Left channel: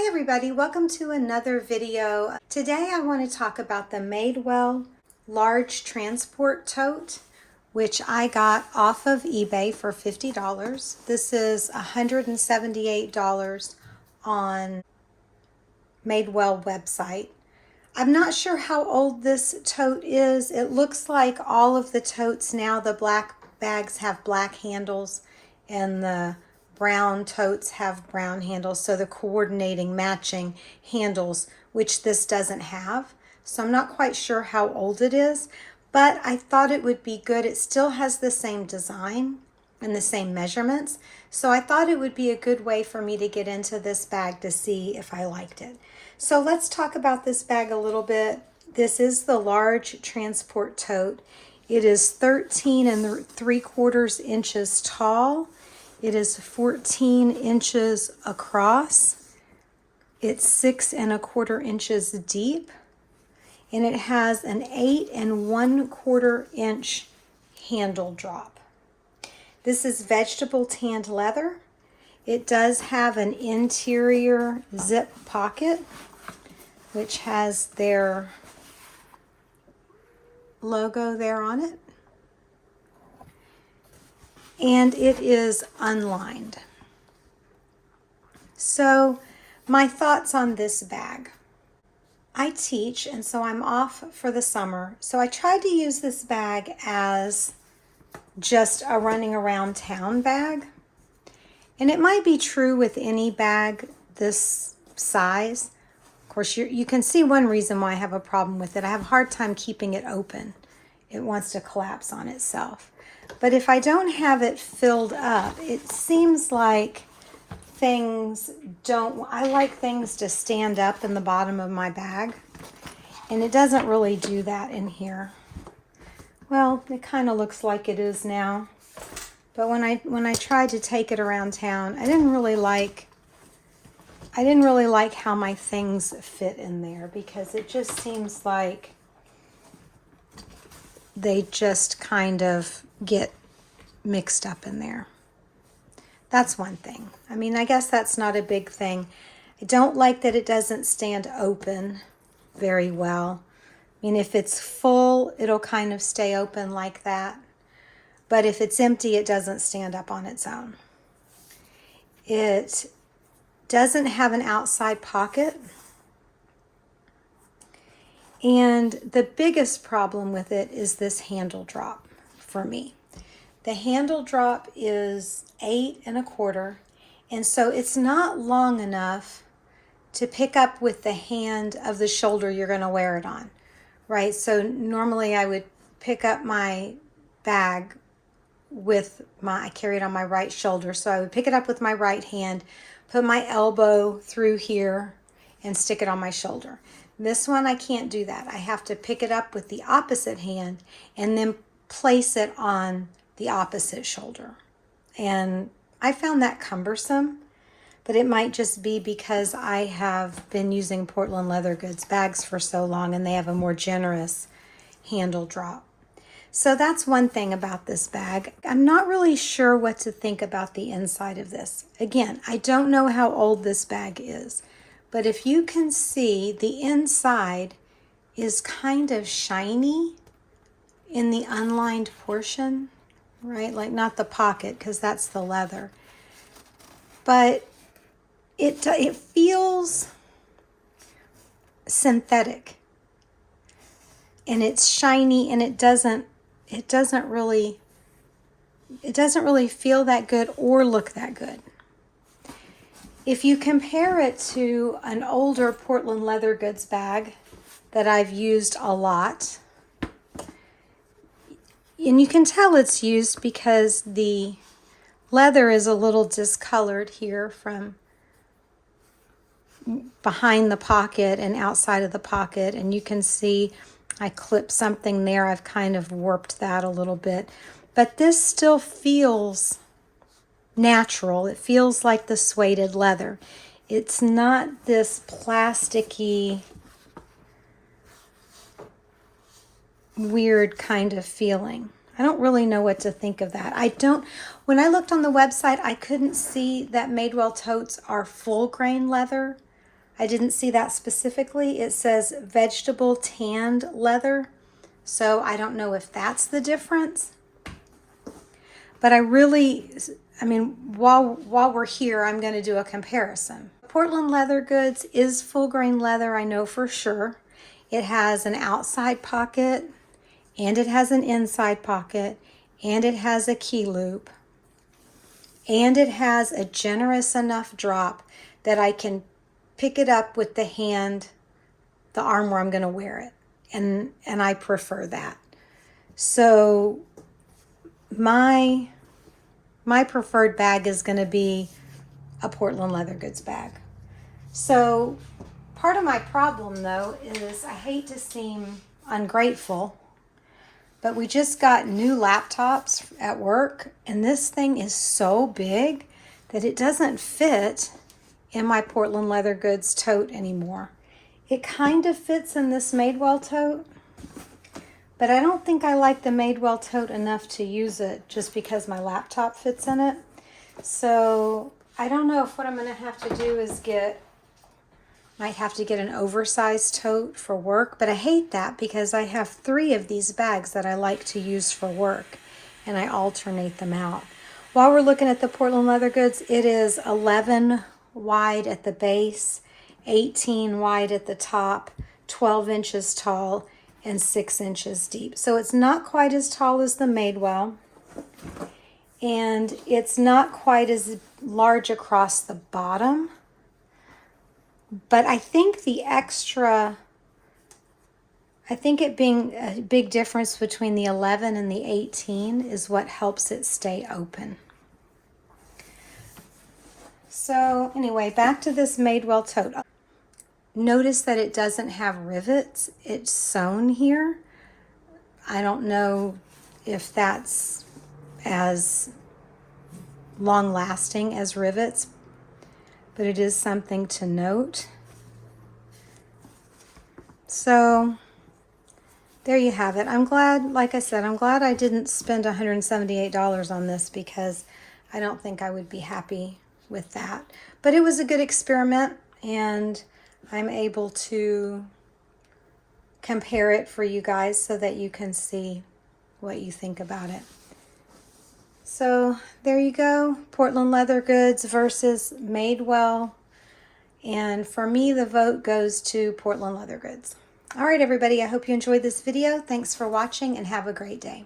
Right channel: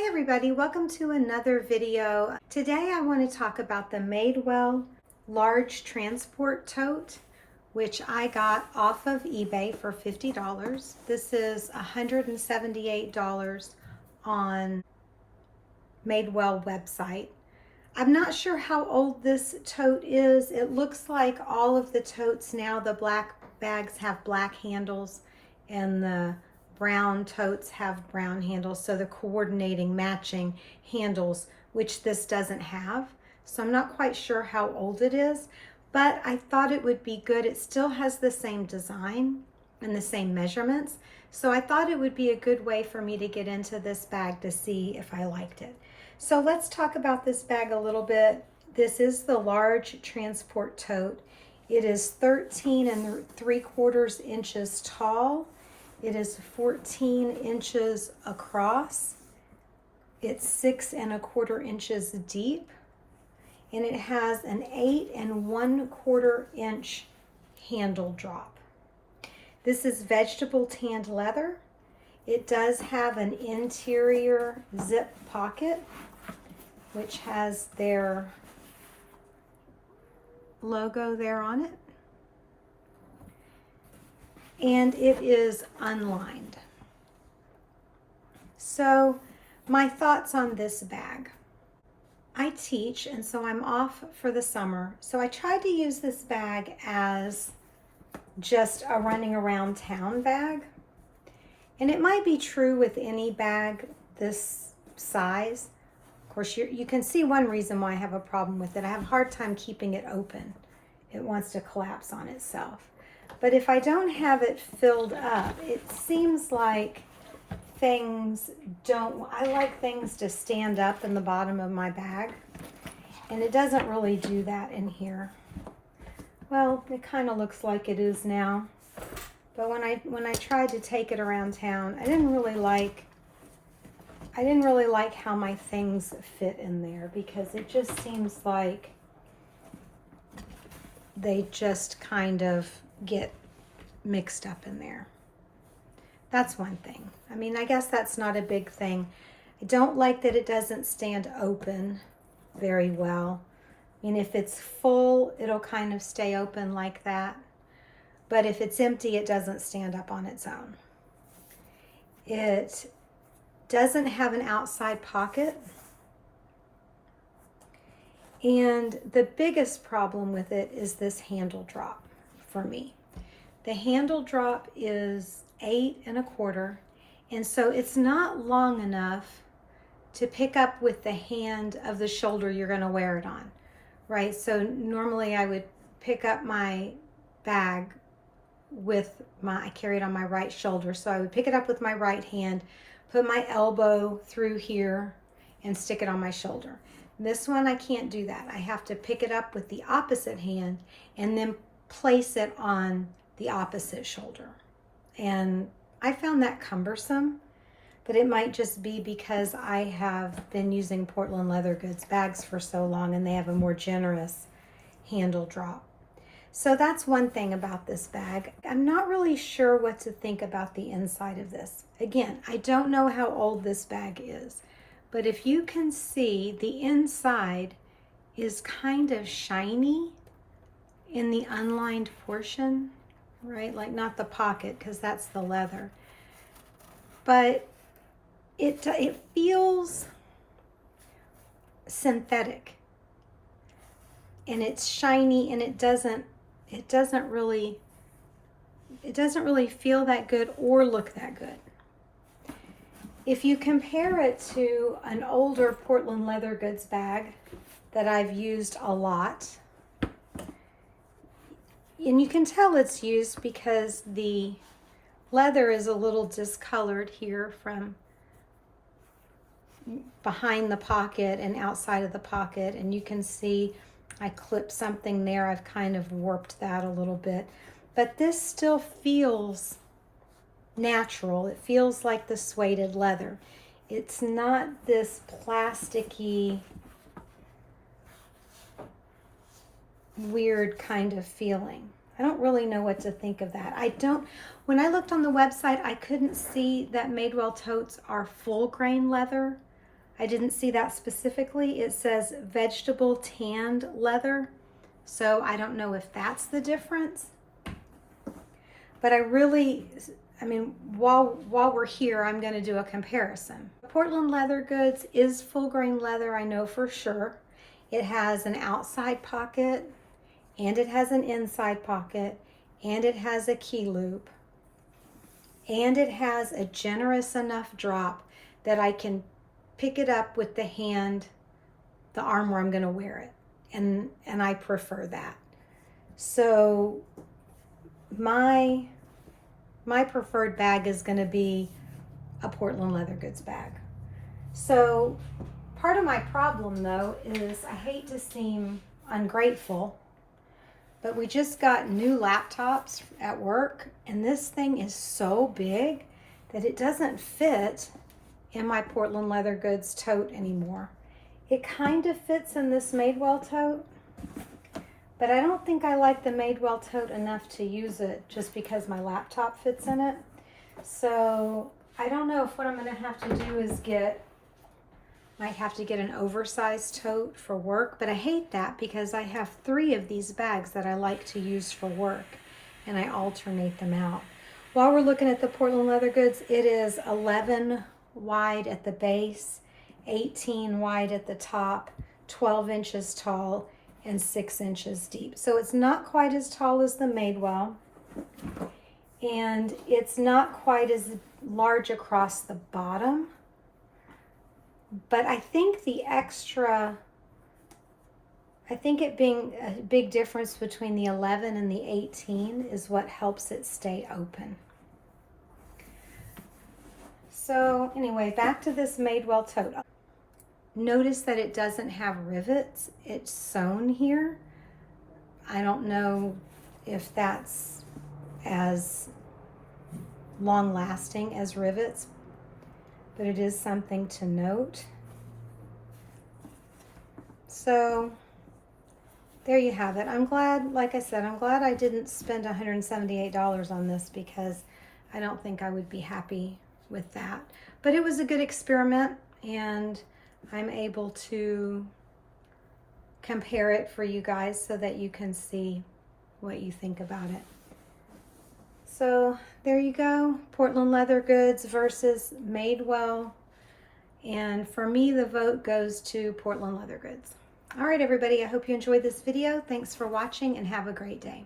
Hi everybody, welcome to another video. Today I want to talk about the Madewell large transport tote, which I got off of eBay for $50. This is $178 on Madewell website. I'm not sure how old this tote is. It looks like all of the totes now, the black bags have black handles and the brown totes have brown handles, so the coordinating matching handles, which this doesn't have. So I'm not quite sure how old it is, but I thought it would be good. It still has the same design and the same measurements, so I thought it would be a good way for me to get into this bag to see if I liked it. So let's talk about this bag a little bit. This is the large transport tote. It is 13 3/4 inches tall. It is 14 inches across. It's 6 1/4 inches deep. And it has an 8 1/4 inch handle drop. This is vegetable tanned leather. It does have an interior zip pocket, which has their logo there on it. And it is unlined. So my thoughts on this bag. I teach, and so I'm off for the summer. So I tried to use this bag as just a running around town bag. And it might be true with any bag this size. Of course, you can see one reason why I have a problem with it. I have a hard time keeping it open. It wants to collapse on itself. But if I don't have it filled up, it seems like I like things to stand up in the bottom of my bag. And it doesn't really do that in here. Well, it kind of looks like it is now. But when I tried to take it around town, I didn't really like how my things fit in there, because it just seems like they just kind of get mixed up in there. That's one thing. I mean, I guess that's not a big thing. I don't like that it doesn't stand open very well. I mean, if it's full, it'll kind of stay open like that. But if it's empty, it doesn't stand up on its own. It doesn't have an outside pocket. And the biggest problem with it is this handle drop for me. The handle drop is 8 1/4, and so it's not long enough to pick up with the hand of the shoulder you're going to wear it on, right? So normally I would pick up my bag I carry it on my right shoulder, so I would pick it up with my right hand, put my elbow through here, and stick it on my shoulder. This one, I can't do that. I have to pick it up with the opposite hand and then place it on the opposite shoulder. And I found that cumbersome, but it might just be because I have been using Portland leather goods bags for so long and they have a more generous handle drop. So that's one thing about this bag. I'm not really sure what to think about the inside of this. Again, I don't know how old this bag is, but if you can see, the inside is kind of shiny in the unlined portion, right? Like not the pocket, because that's the leather. But it feels synthetic. And it's shiny, and it doesn't really feel that good or look that good. If you compare it to an older Portland leather goods bag that I've used a lot, and you can tell it's used because the leather is a little discolored here from behind the pocket and outside of the pocket, and you can see I clipped something there. I've kind of warped that a little bit, but this still feels natural. It feels like the suede leather. It's not this plasticky, weird kind of feeling. I don't really know what to think of that. When I looked on the website, I couldn't see that Madewell totes are full grain leather. I didn't see that specifically. It says vegetable tanned leather, so I don't know if that's the difference. But I mean, while we're here, I'm going to do a comparison. Portland leather goods is full grain leather, I know for sure. It has an outside pocket, and it has an inside pocket, and it has a key loop, and it has a generous enough drop that I can pick it up with the hand, the arm where I'm going to wear it, and I prefer that. So my preferred bag is going to be a Portland leather goods bag. So part of my problem though is I hate to seem ungrateful, but we just got new laptops at work, and this thing is so big that it doesn't fit in my Portland leather goods tote anymore. It kind of fits in this Madewell tote, but I don't think I like the Madewell tote enough to use it just because my laptop fits in it. So I don't know if what I'm gonna have to do is might have to get an oversized tote for work, but I hate that because I have 3 of these bags that I like to use for work, and I alternate them out. While we're looking at the Portland leather goods, it is 11 wide at the base, 18 wide at the top, 12 inches tall, and 6 inches deep. So it's not quite as tall as the Madewell, and it's not quite as large across the bottom. But I think it being a big difference between the 11 and the 18 is what helps it stay open. So anyway, back to this Madewell tote. Notice that it doesn't have rivets. It's sewn here. I don't know if that's as long lasting as rivets, but it is something to note. So there you have it. I'm glad, like I said, I'm glad I didn't spend $178 on this because I don't think I would be happy with that. But it was a good experiment, and I'm able to compare it for you guys so that you can see what you think about it. So there you go, Portland leather goods versus Madewell. And for me, the vote goes to Portland leather goods. All right, everybody, I hope you enjoyed this video. Thanks for watching and have a great day.